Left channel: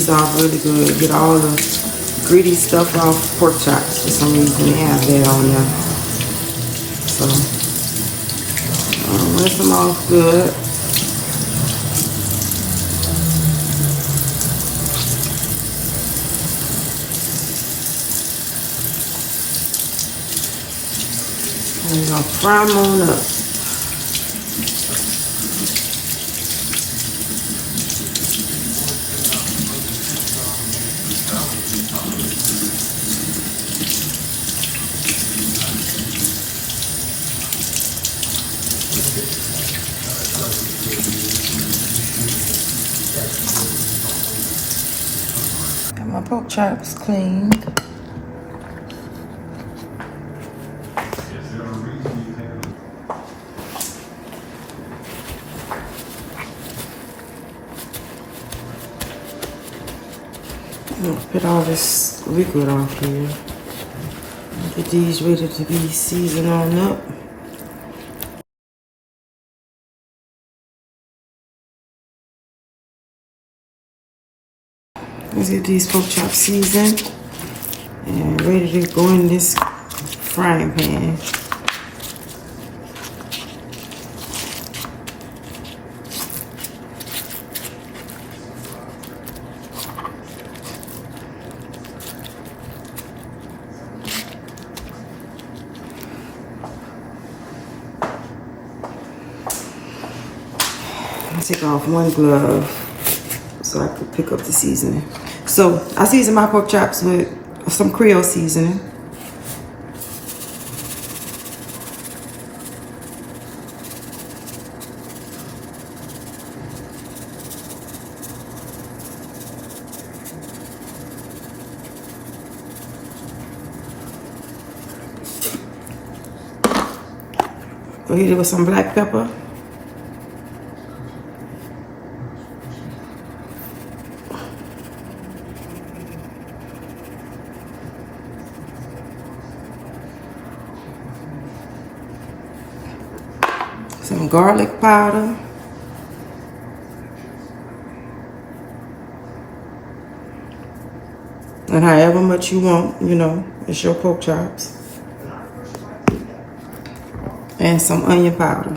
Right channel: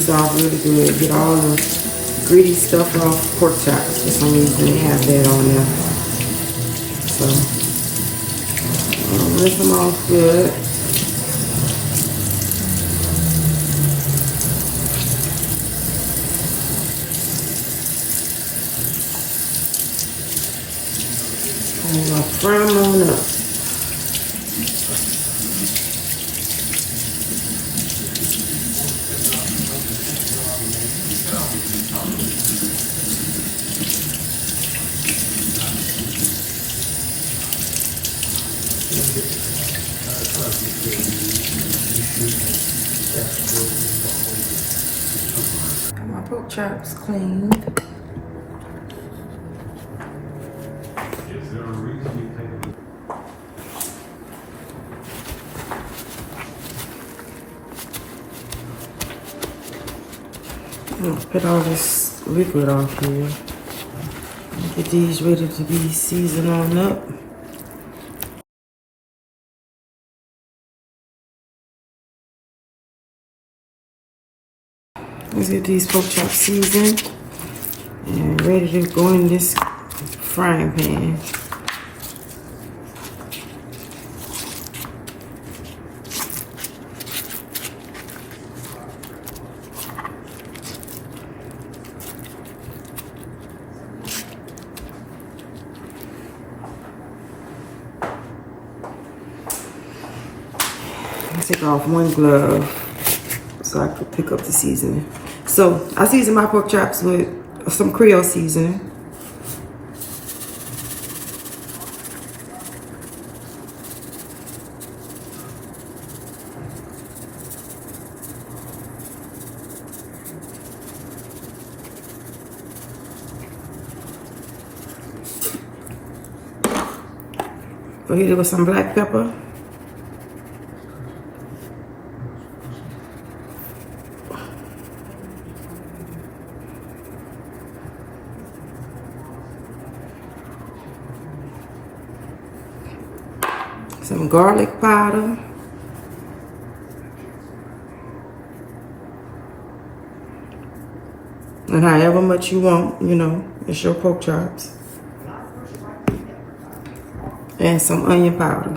these off really good. Get all the gritty stuff off pork chops. For some reason they have that on there. So I'll rinse them off good. And I'll fry them on up. Got my pork chops cleaned. I'm gonna put all this liquid off here. Get these ready to be seasoned on up. Let's get these pork chops seasoned and ready to go in this frying pan. Take off one glove so I could pick up the seasoning. So I season my pork chops with some Creole seasoning. Go hit it with some black pepper. Some garlic powder. And however much you want, you know, it's your pork chops. And some onion powder.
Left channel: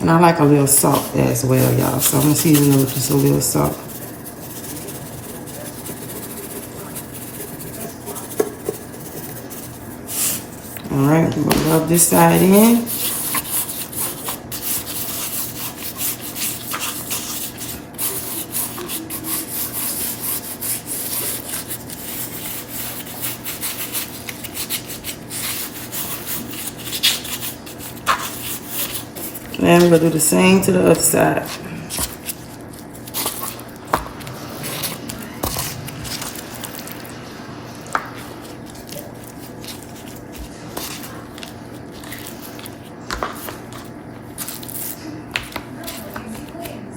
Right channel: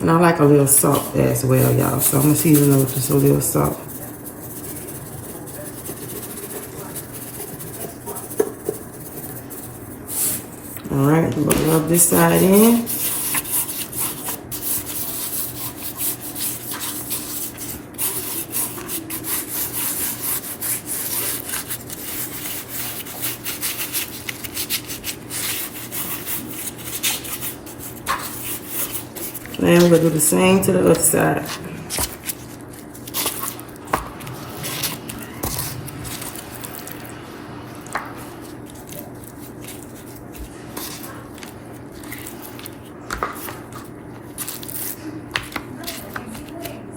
And I like a little salt as well, y'all. So I'm gonna season it with just a little salt. All right, we're gonna rub this side in. And we're gonna do the same to the other side.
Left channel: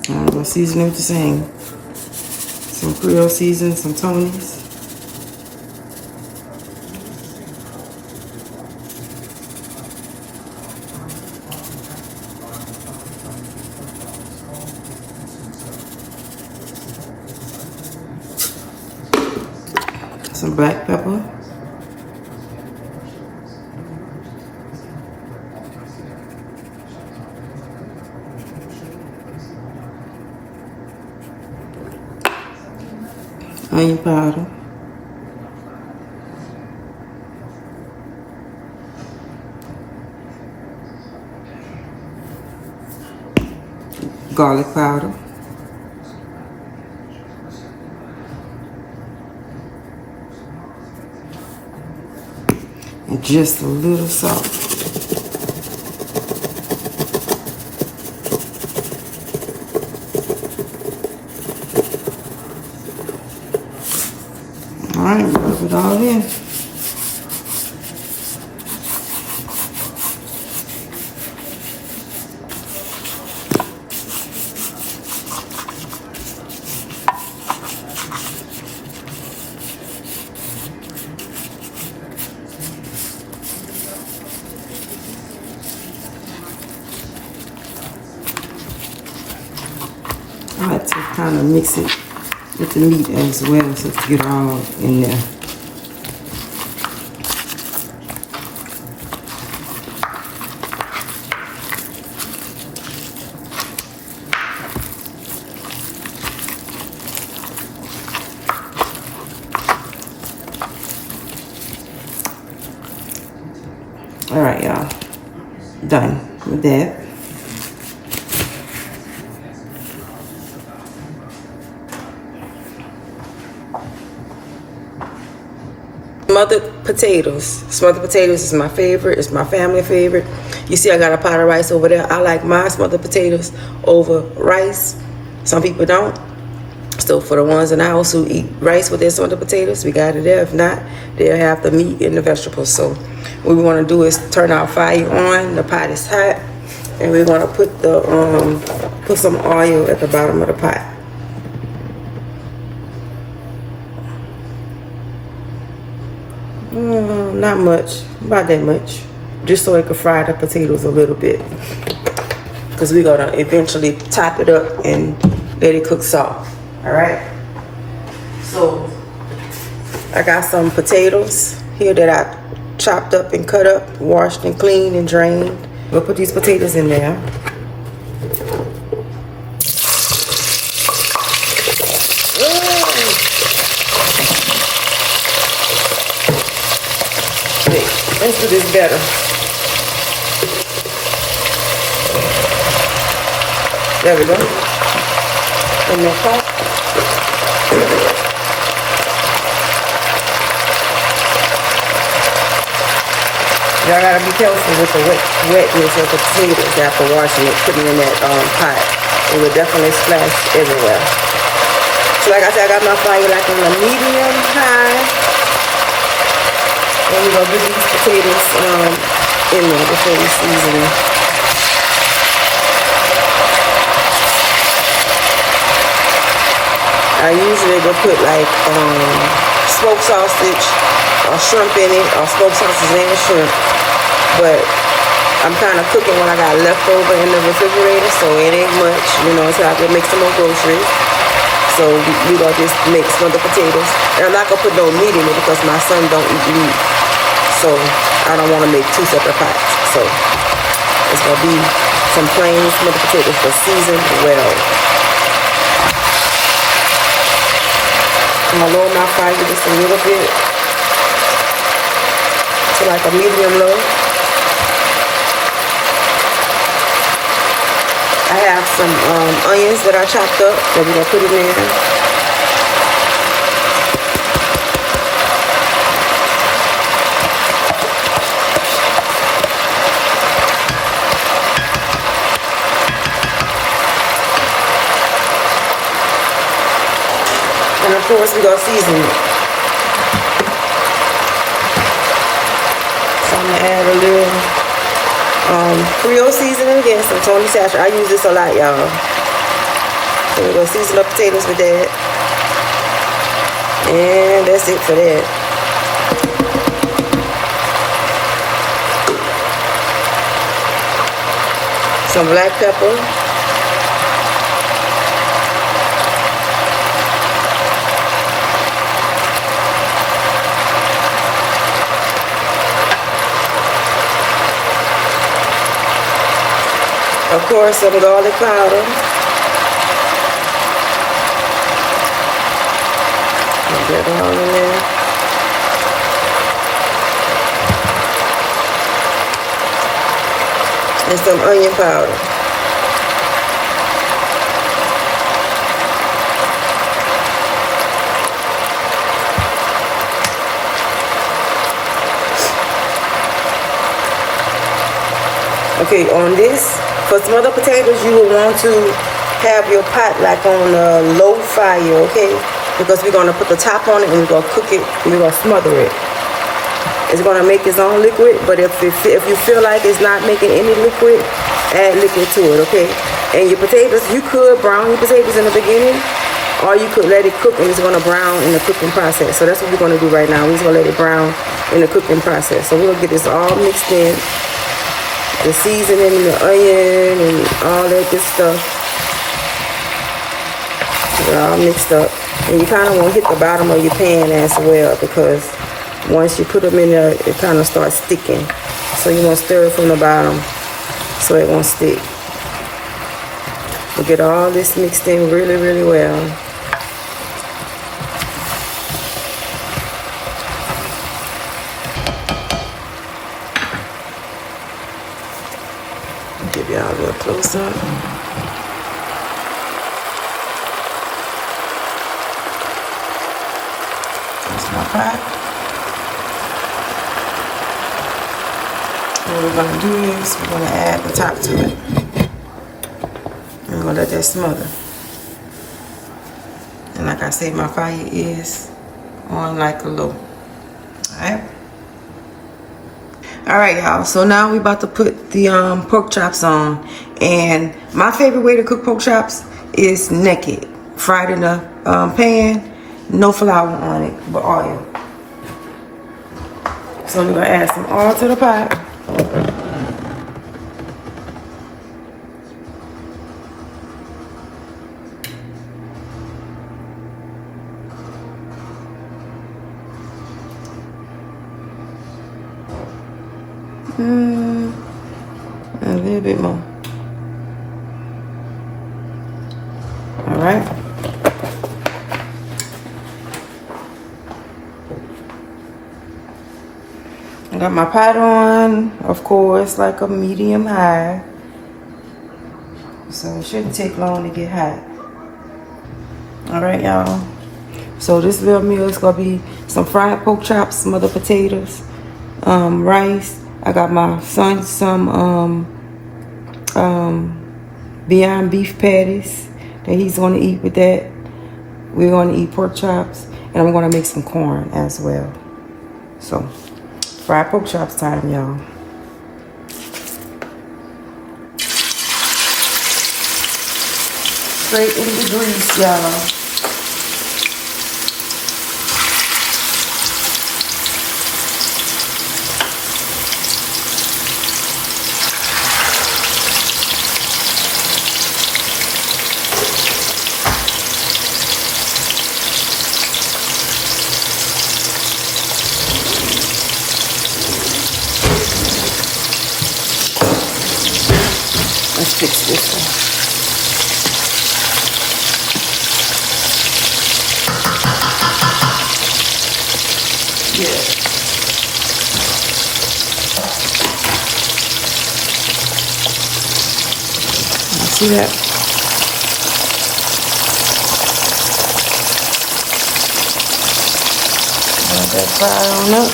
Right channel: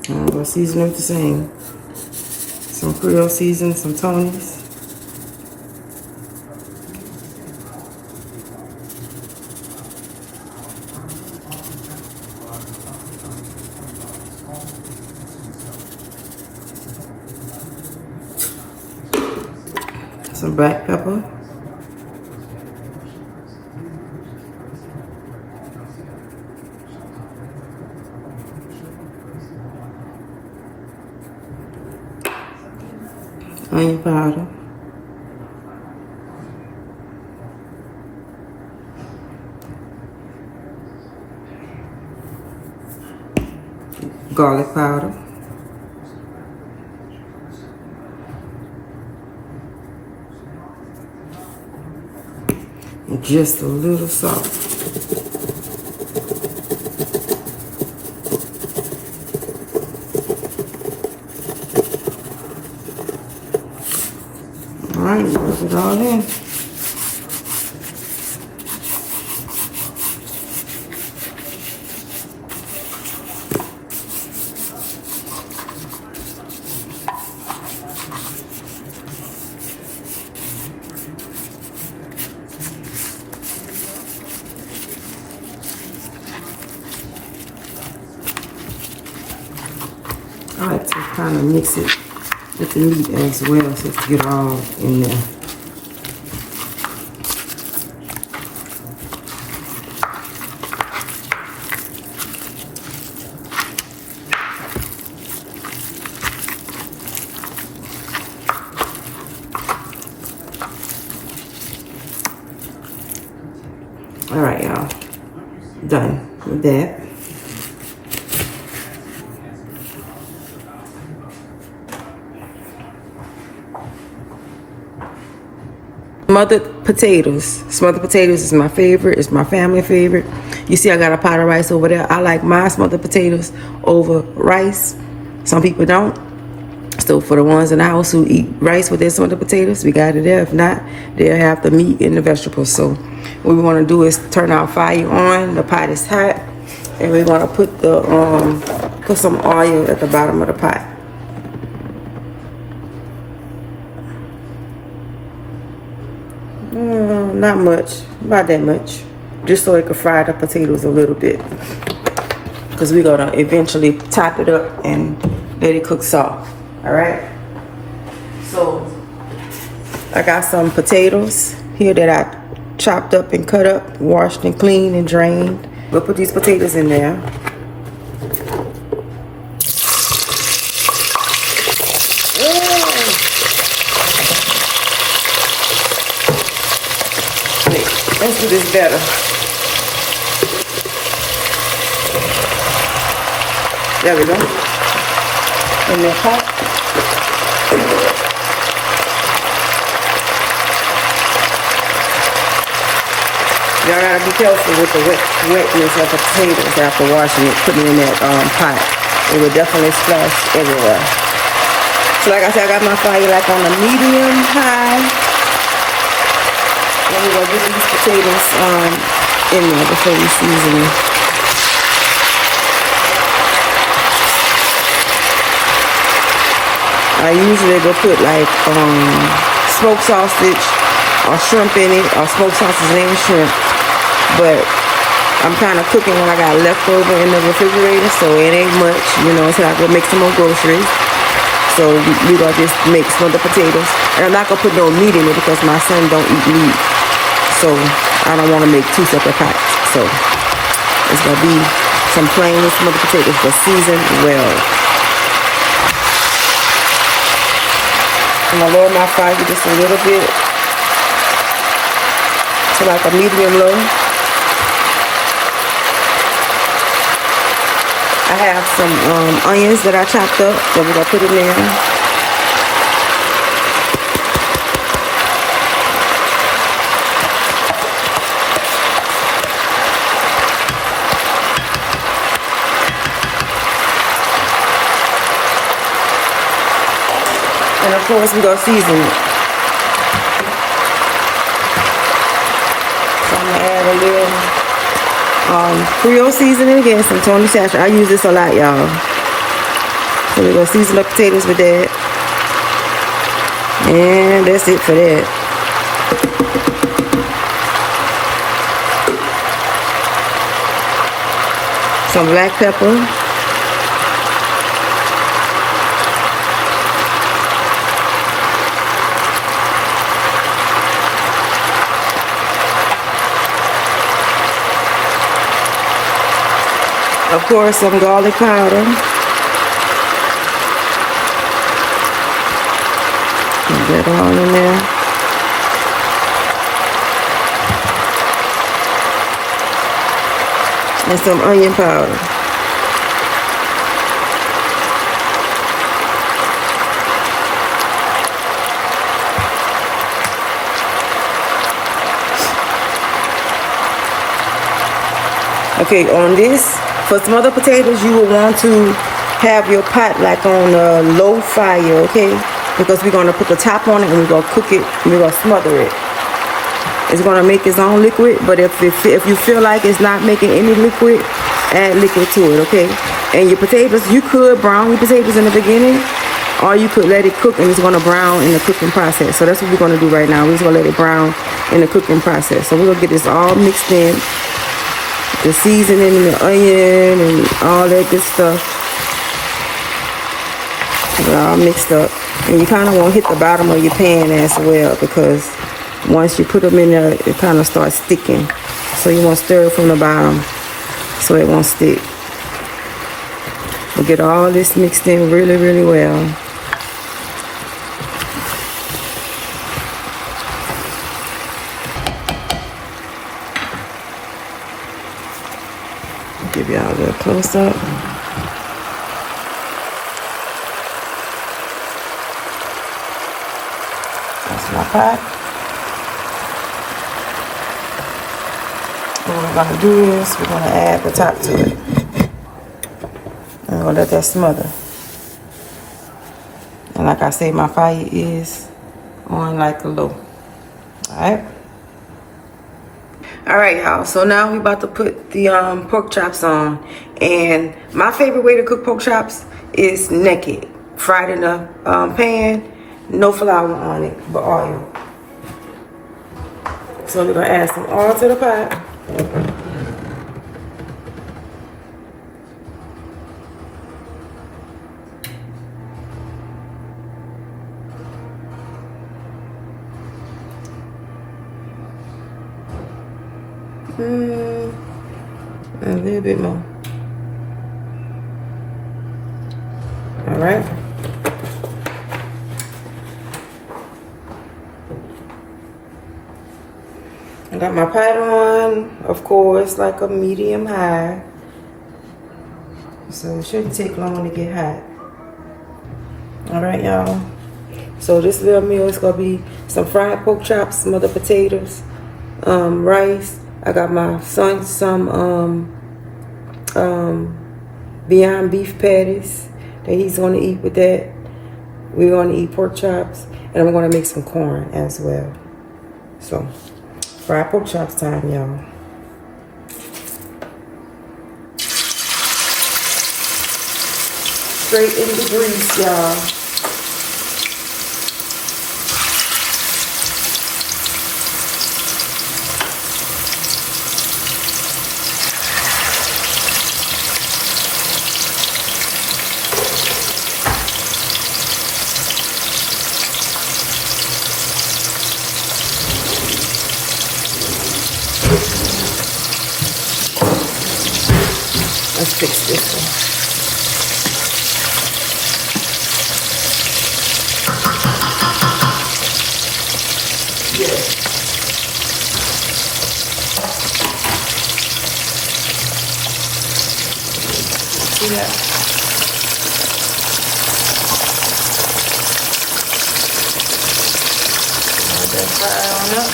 I'm gonna season it with the same. Some Creole season, some Tony's. Some black pepper. Onion powder. Garlic powder. And just a little salt. All right, rub it all in. kind of mix it with the meat as well so to get all in there. All right, y'all, done with that. Smothered potatoes. Smothered potatoes is my favorite. It's my family favorite. You see I got a pot of rice over there. I like my smothered potatoes over rice. Some people don't. So for the ones in the house who eat rice with their smothered potatoes, we got it there. If not, they'll have the meat and the vegetables. So what we want to do is turn our fire on. The pot is hot. And we want to put some oil at the bottom of the pot. Not much, about that much, just so it can fry the potatoes a little bit, because we're gonna eventually top it up and let it cook soft. All right, so I got some potatoes here that I chopped up and cut up, washed and cleaned and drained. We'll put these potatoes in there. Let's do this better. There we go. In my pot. Y'all gotta be careful with the wetness of the potatoes after washing it, putting it in that pot. It will definitely splash everywhere. So like I said, I got my fire like on a medium high. And we're going to get these potatoes in there before we season them. I usually go put like smoked sausage or shrimp in it, or smoked sausage and shrimp. But I'm kind of cooking what I got leftover in the refrigerator, so it ain't much. You know, so I can make some more groceries. So we're going to just make some of the potatoes. And I'm not going to put no meat in it because my son don't eat meat. So I don't want to make two separate pots. So it's going to be some plain smothered potatoes for seasoned well. I'm going to lower my fire just a little bit to like a medium low. I have some onions that I chopped up that we're going to put in there. Of course, we're going to season it. So I'm going to add a little Creole seasoning again, some Tony sachet. I use this a lot, y'all. So we're going to season the potatoes with that. And that's it for that. Some black pepper. Of course, some garlic powder. Put that all in there. And some onion powder. Okay, on this, for smothered potatoes, you will want to have your pot like on a low fire, okay? Because we're going to put the top on it and we're going to cook it, we're going to smother it. It's going to make its own liquid, but if you feel like it's not making any liquid, add liquid to it, okay? And your potatoes, you could brown your potatoes in the beginning, or you could let it cook and it's going to brown in the cooking process. So that's what we're going to do right now. We're just going to let it brown in the cooking process. So we're going to get this all mixed in. The seasoning and the onion and all that good stuff. Get all mixed up. And you kind of want to hit the bottom of your pan as well, because once you put them in there, it kind of starts sticking. So you want to stir it from the bottom so it won't stick. We'll get all this mixed in really, really well. Give y'all a little close up. That's my pot. What we're gonna do is we're gonna add the top to it. And we're gonna let that smother. And like I said, my fire is on like a low. Alright? Alright, y'all, so now we about to put the pork chops on. And my favorite way to cook pork chops is naked. Fried in a pan, no flour on it, but oil. So we're gonna add some oil to the pot. A little bit more. All right. I got my pot on, of course, like a medium high. So it shouldn't take long to get hot. All right, y'all. So this little meal is gonna be some fried pork chops, some other potatoes, rice. I got my son some Beyond Beef patties that he's gonna eat with that. We're gonna eat pork chops, and I'm gonna make some corn as well. So, fried pork chops time, y'all. Straight in the grease, y'all. Let's fix this one. Yeah. See that? Let that fry on up.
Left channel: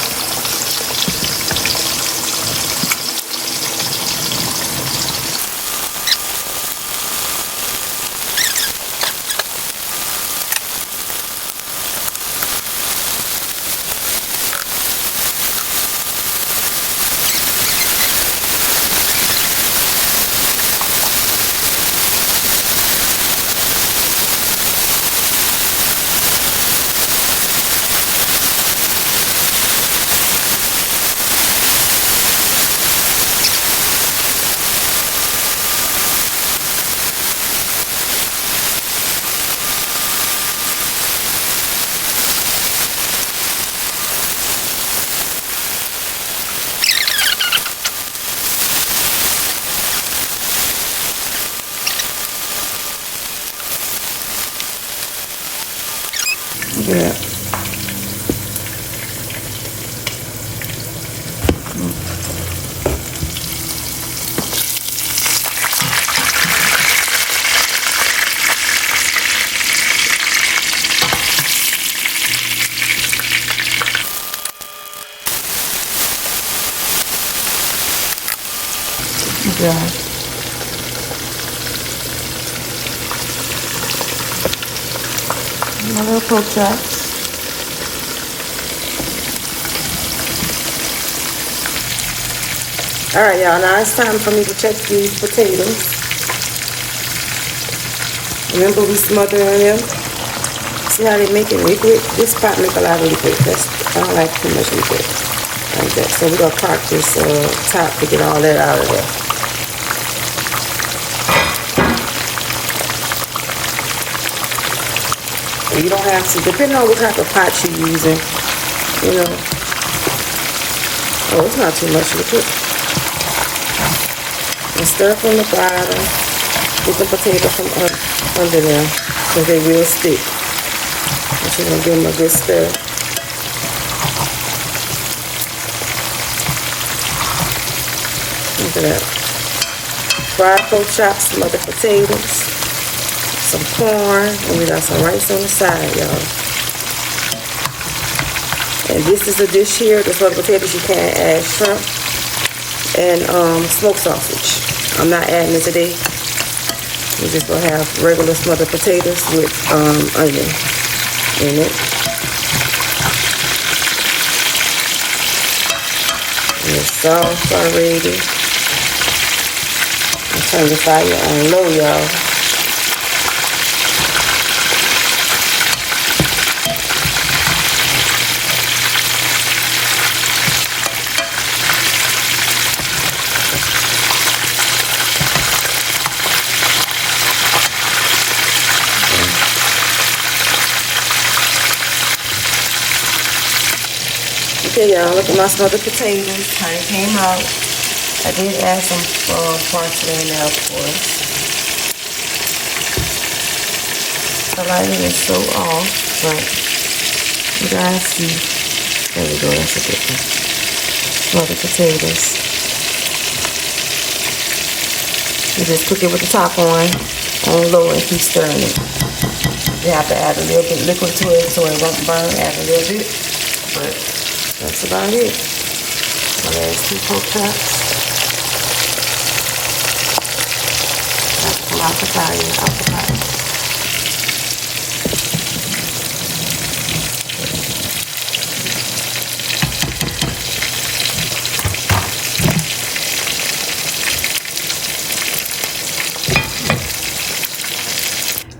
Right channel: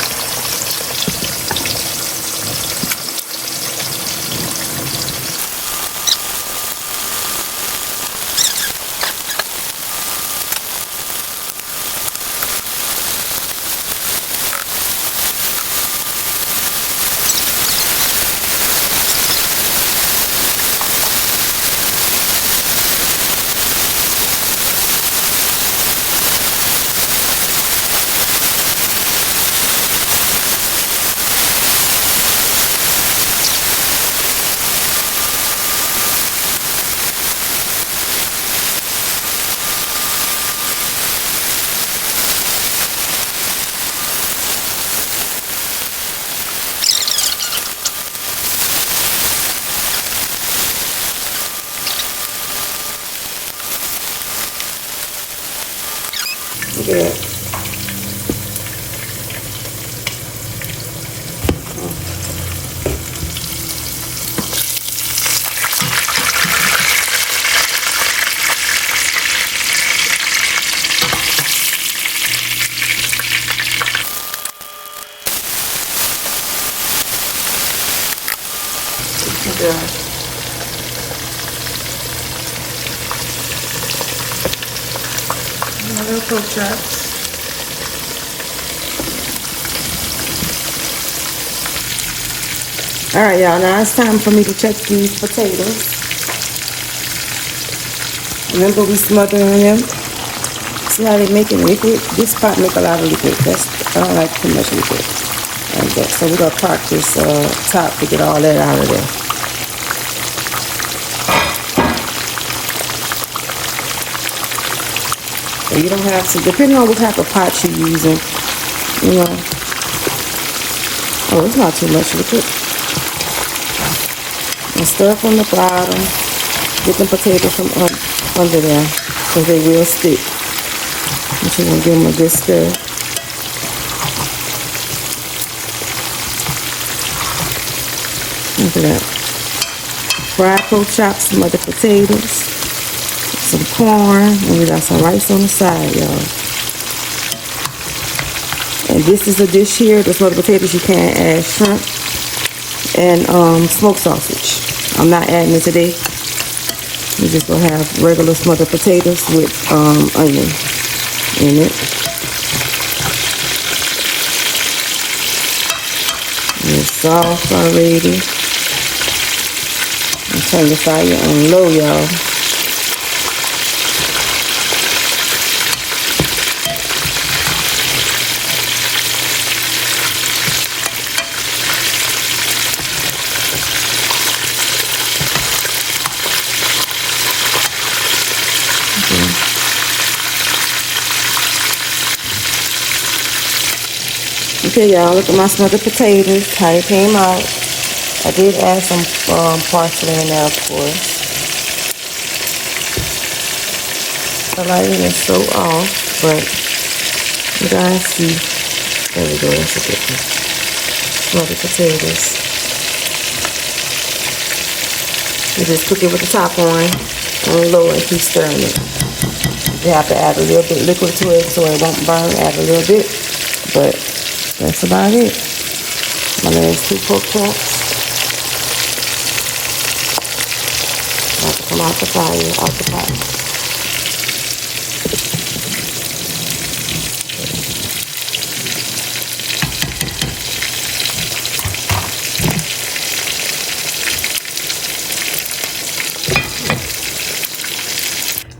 Yeah. My little pork chops. Alright, y'all, now it's time for me to check these potatoes. Remember, we smothering them. See how they make it liquid? This pot make a lot of liquid. I don't like too much liquid. Like that. So we're going to park this top to get all that out of there. You don't have to, depending on what type of pot you're using, you know. Oh, it's not too much, look it. And stir from the bottom. Get the potatoes from under there, because they will stick. I'm just gonna give them a good stir. Look at that. Fried pork chops, some other potatoes, some corn, and we got some rice on the side, y'all. And this is a dish here, the smothered potatoes. You can't add shrimp and smoked sausage. I'm not adding it today. We're just gonna have regular smothered potatoes with onion in it. And it's soft already. Turn the fire on low, y'all. Okay, y'all, look at my smothered potatoes, how they came out. I did add some parsley in there, of course. The lighting is so off, but you guys see. There we go, that's a good one. Smothered potatoes. You just cook it with the top on low, and keep stirring it. You have to add a little bit liquid to it so it won't burn. Add a little bit, but that's about it. And then there's 2 pork chops. Come out the fire, out the pot.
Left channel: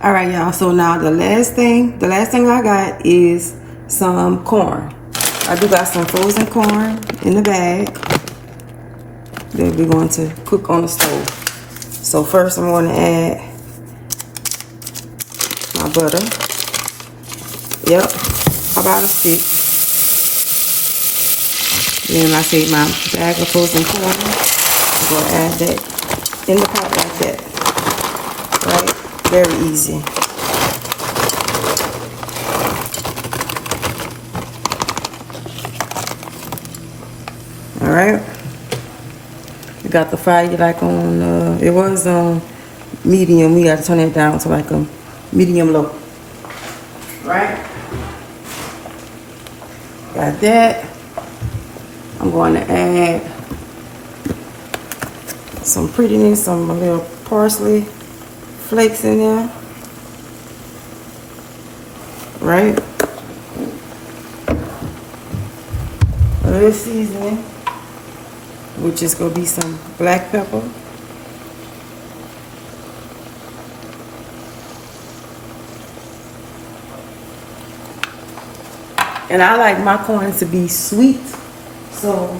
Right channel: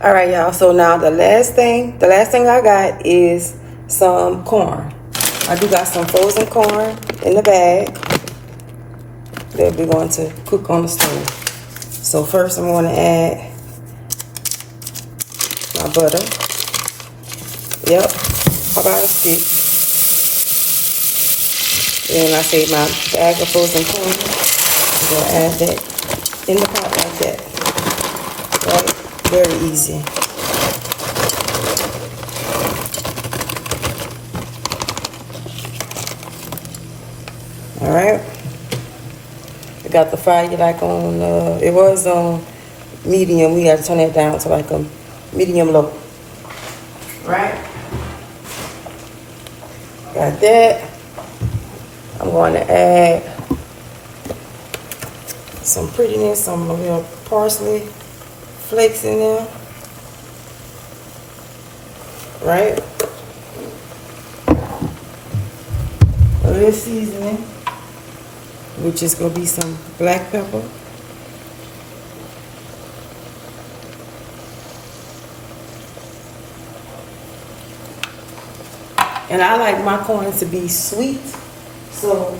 All right, y'all. So now the last thing I got is some corn. I do got some frozen corn in the bag that we're going to cook on the stove. So first I'm going to add my butter. Yep, about a stick. Then I say my bag of frozen corn. I'm going to add that in the pot like that. Right? Very easy. All right. I got the fire like on, it was medium. We got to turn that down to like a medium low. Right? Got that. I'm going to add some prettiness, some little parsley flakes in there. Right? A little seasoning, which is going to be some black pepper. And I like my corn to be sweet, so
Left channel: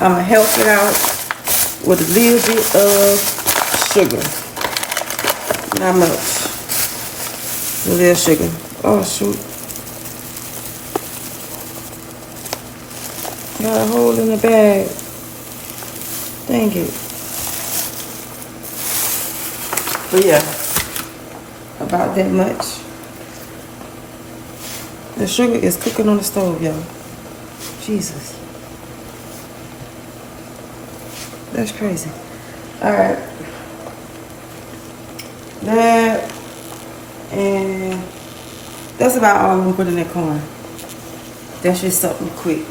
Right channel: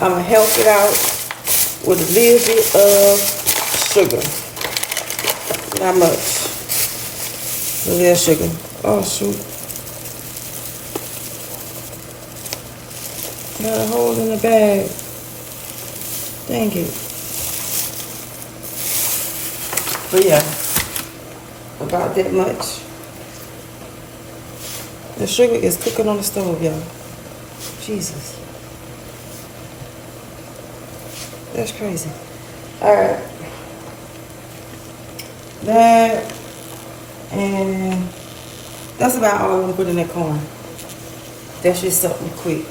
I'm going to help it out with a little bit of sugar. Not much. A little sugar. Oh, shoot. Got a hole in the bag. Dang it. But yeah, about that much. The sugar is cooking on the stove, y'all. Jesus. That's crazy. Alright. That, and that's about all I'm going to put in that corn. That's just something quick.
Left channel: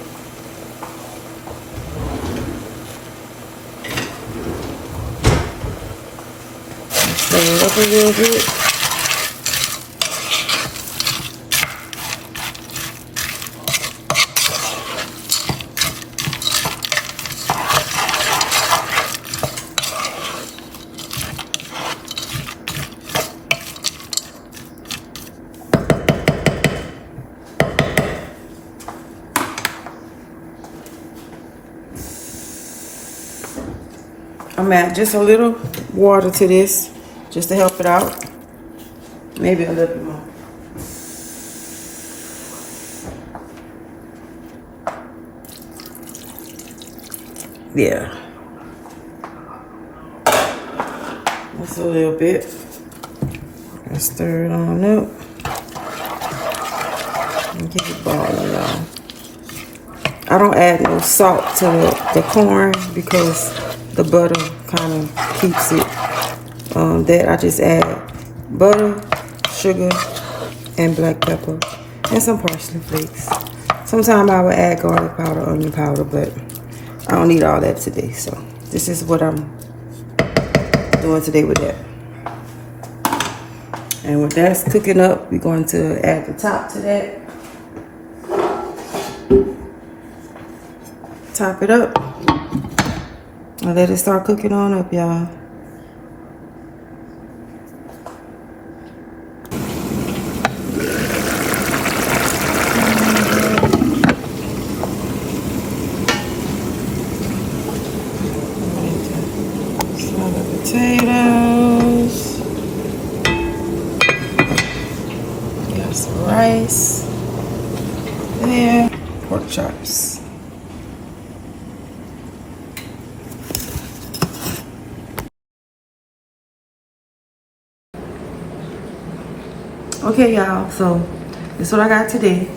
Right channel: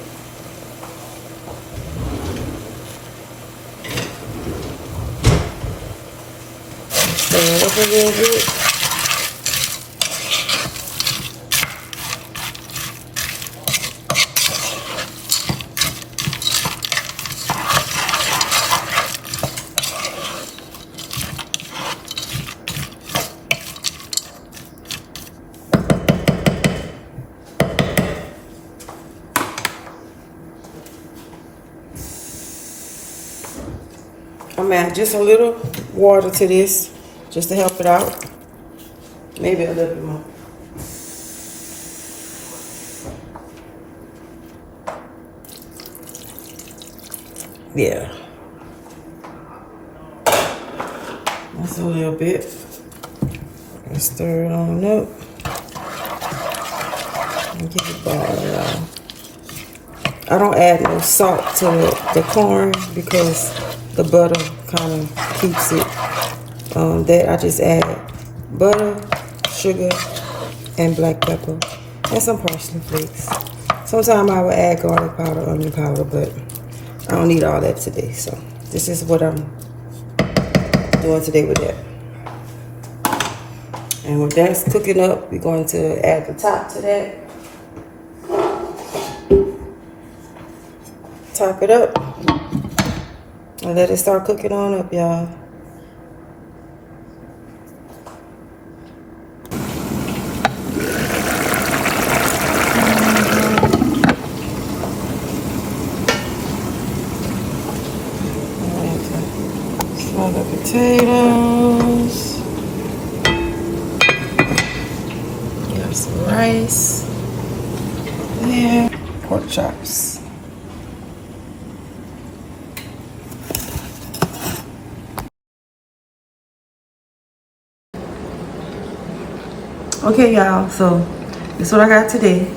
Stir it up a little bit. I'm add just a little water to this, just to help it out. Maybe a little bit more. Yeah. That's a little bit. And stir it on up. And keep it boiling, y'all. I don't add no salt to the corn because the butter kind of keeps it. That I just add butter, sugar, and black pepper, and some parsley flakes. Sometimes I would add garlic powder, onion powder, but I don't need all that today. So this is what I'm doing today with that. And when that's cooking up, we're going to add the top to that. Top it up and let it start cooking on up, y'all. Smother potatoes. Got some rice there. Pork chops. Okay, y'all, so this is what I got today.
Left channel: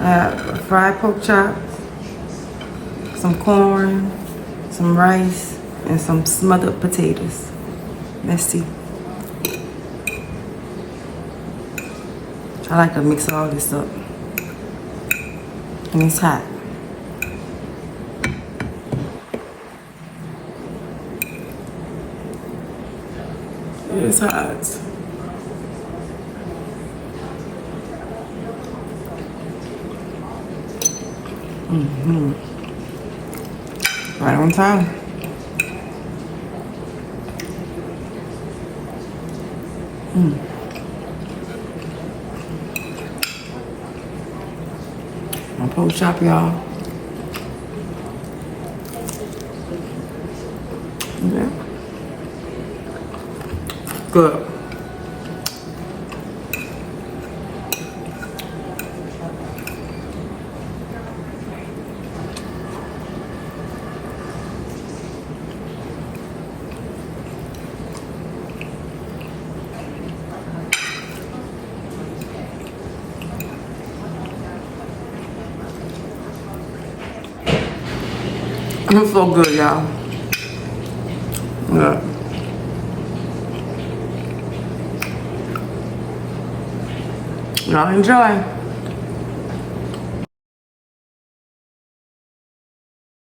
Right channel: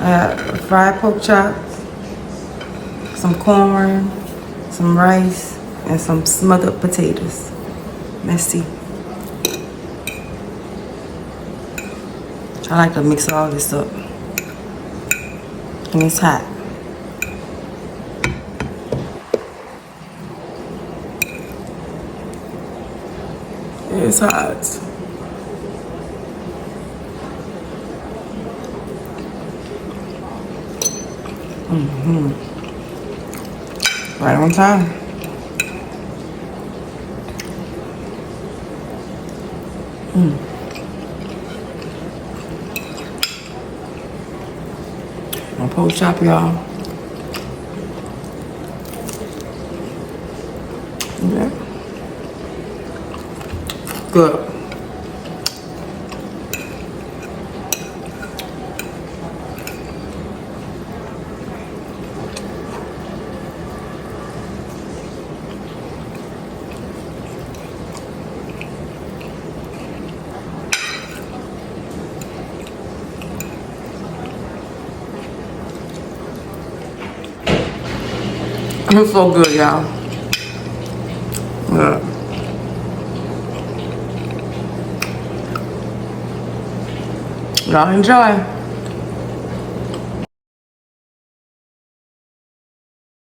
I got fried pork chops, some corn, some rice, and some smothered potatoes. Let's see. I like to mix all this up. And it's hot. It's hot. Right on time. My pork chop, y'all. Yeah. Good. It's so good, y'all. Yeah. Y'all enjoy.